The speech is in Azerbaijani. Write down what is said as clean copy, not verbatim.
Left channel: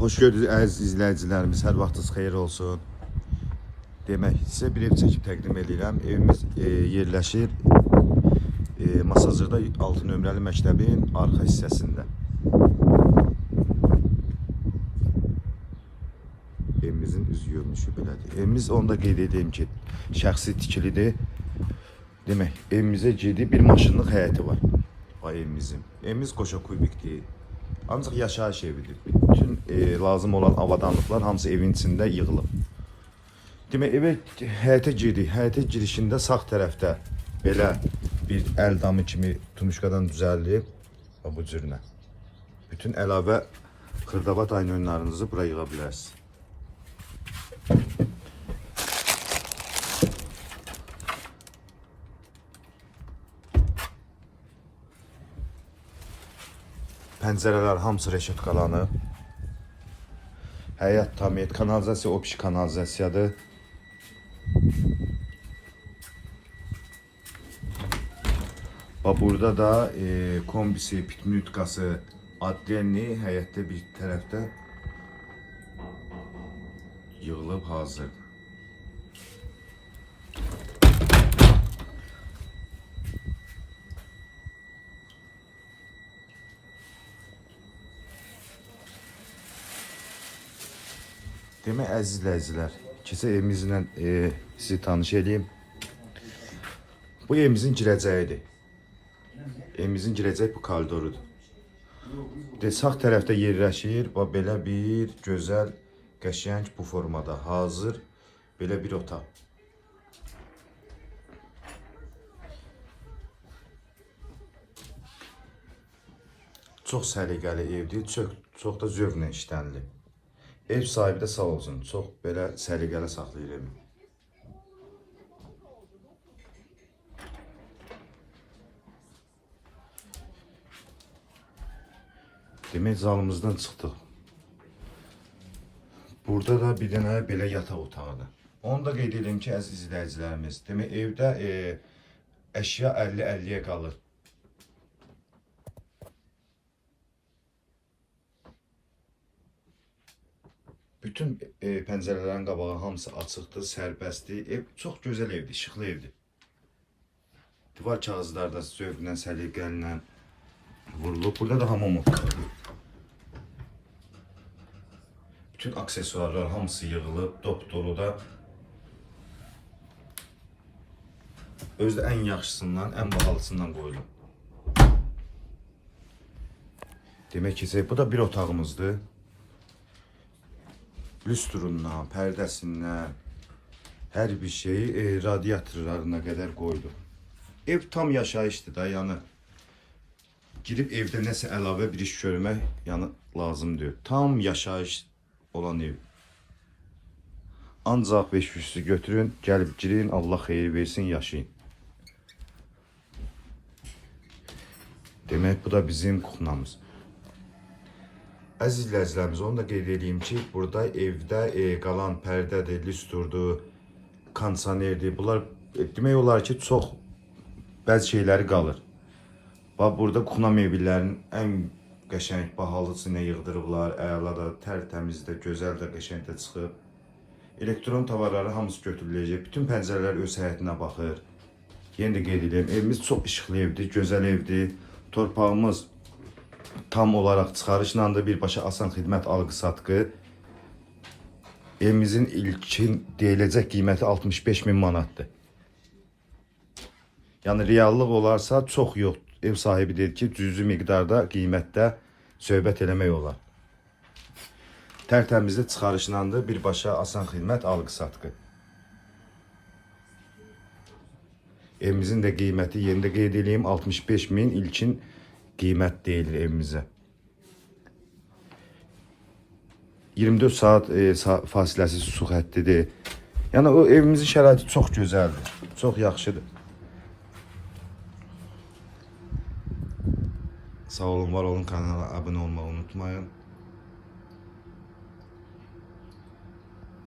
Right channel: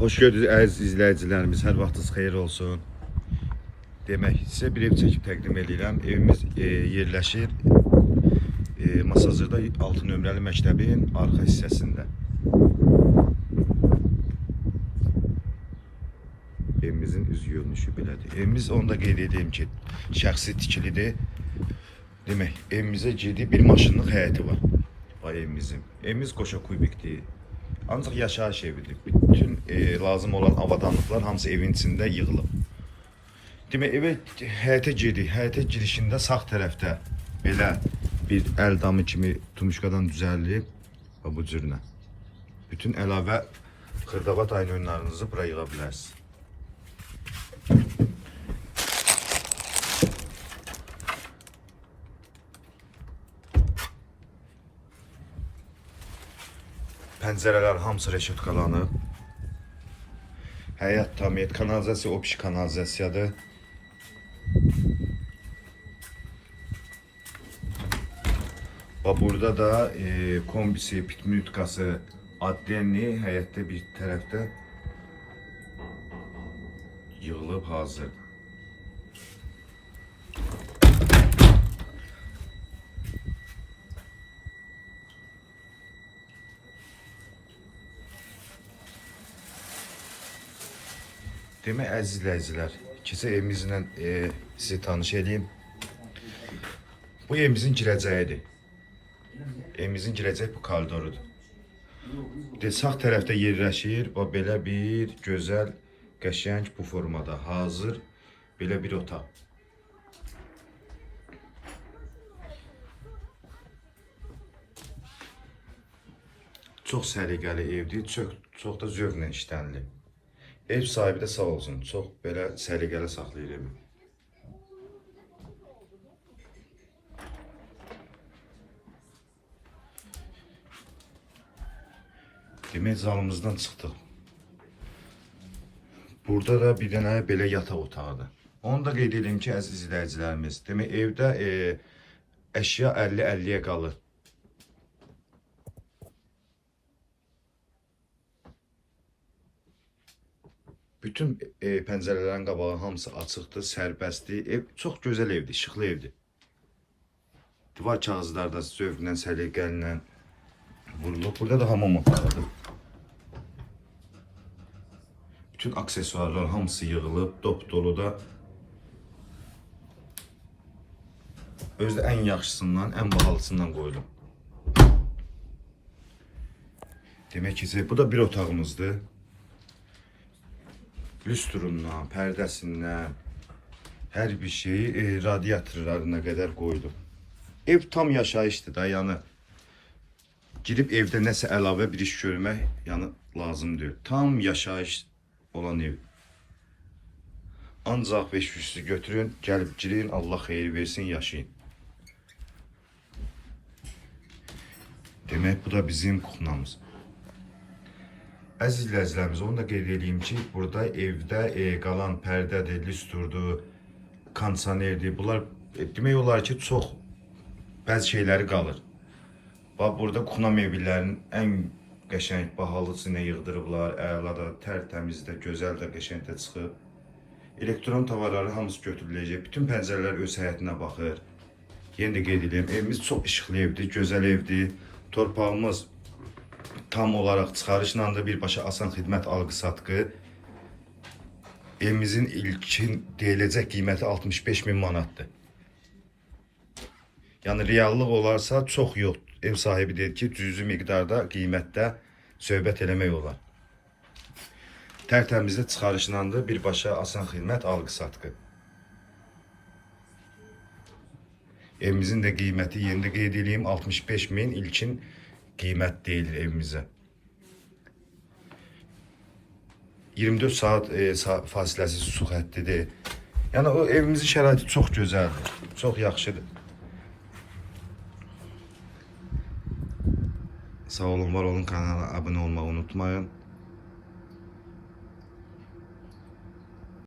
Hoş gördünüz əziz izləyicilərimiz, hər vaxtınız xeyir olsun. Demək, sizə bir ev çəkib təqdim edirəm. Evimiz yerləşir Masazırda 6 nömrəli məktəbin arxa hissəsində. Evimizin üz görünüşü belədir. Evimiz, onu da qeyd edeyim ki, şəxsi tikilidir. Demək, evimizə ciddi bir maşınlıq həyəti var. Evimizin. Evimiz qoşa kubikdir. Ancaq yaşayış evidir. Bütün lazım olan avadanlıqlar hamısı evin içində yığılıb. Demək, evə həyətə giririk. Həyətə girişində sağ tərəfdə belə bir əl damı kimi tumuşkadan düzəldilib. Bu cürlə. Bütün əlavə xırdavat ayın oyunlarınızı bura yığa bilərsiniz. Pəncərələr hamısı reşetkalanıb. Həyat tamiyet, kanalizasiya optik kanalizasiyadır. Burada da kombisi, pitmütkası, adrenli həyətdə bir tərəfdə yığılıb hazır. Demək, əziz izləyicilər, keçə evimizlə sizi tanış edeyim. Bu evimizin girəcəyidir. Evimizin girəcəyi bu koridorudur. Sağ tərəfdə yerləşir, belə bir gözəl, qəşəng bu formada hazır belə bir otaq. Çox səliqəli evdir, çox da zövqlə işlənilib. Ev sahibi də sağ olsun, çox belə səliqəli saxlayır evi. Demək, zalımızdan çıxdıq. Burada da bir dənə belə yataq otağıdır. Onu da qeyd edeyim ki, əziz izləyicilərimiz, demək, evdə əşya 50-50-yə qalır. Bütün pəncərələrin qabağı hamısı açıqdır, sərbəstdir. Ev çox gözəl evdir, işıqlı evdir. Divar kağızları da zövqlə, səliqəylə vurulub. Burada da hamam otağıdır. Bütün aksesuarlar hamısı yığılıb, dop-dolu da. Özdə ən yaxşısından, ən bahalısından qoyulub. Demək ki, bu da bir otağımızdır. Lüstrundan, pərdəsindən, hər bir şeyi radiatorlarına qədər qoydum. Ev tam yaşayışdır da, yəni girib evdə nəsə əlavə bir iş görmək lazımdır. Tam yaşayış olan ev. Ancaq 500'sü götürün, gəlib girin, Allah xeyir versin, yaşayın. Demək, bu da bizim kuxnamız. Əziz izləyicilərimiz, onu da qeyd edeyim ki, burada evdə qalan pərdədir, lüstrdur, kondisionerdir. Bunlar demək olar ki, çox bəzi şeyləri qalır. Burada kuxna mebellərinin ən qəşəng, bahalısını yığdırıblar, əla da, tərtəmiz də, gözəl də, qəşəng də çıxıb. Elektron tavarları hamısı götürüləcək. Bütün pəncərələr öz həyətinə baxır. Yenə də qeyd edeyim, evimiz çox işıqlı evdir, gözəl evdir. Torpağımız tam olaraq çıxarışla da birbaşa asan xidmət alqı-satqı. Evimizin ilkin deyiləcək qiyməti 65.000 manatdır. Yəni reallıq olarsa çox yox. Ev sahibi deyir ki, cüzi miqdarda qiymətdə söhbət eləmək olar. Tərtəmizdə çıxarışla da birbaşa asan xidmət alqı-satqı. Evimizin də qiyməti, yeni də qeyd edeyim, 65.000 ilkin qiymət deyilir evimizə. 24 saat fasiləsiz su xəttidir. Yəni o evimizin şəraiti çox gözəldir, çox yaxşıdır. Sağ olun, var olun, kanala abunə olmağı unutmayın.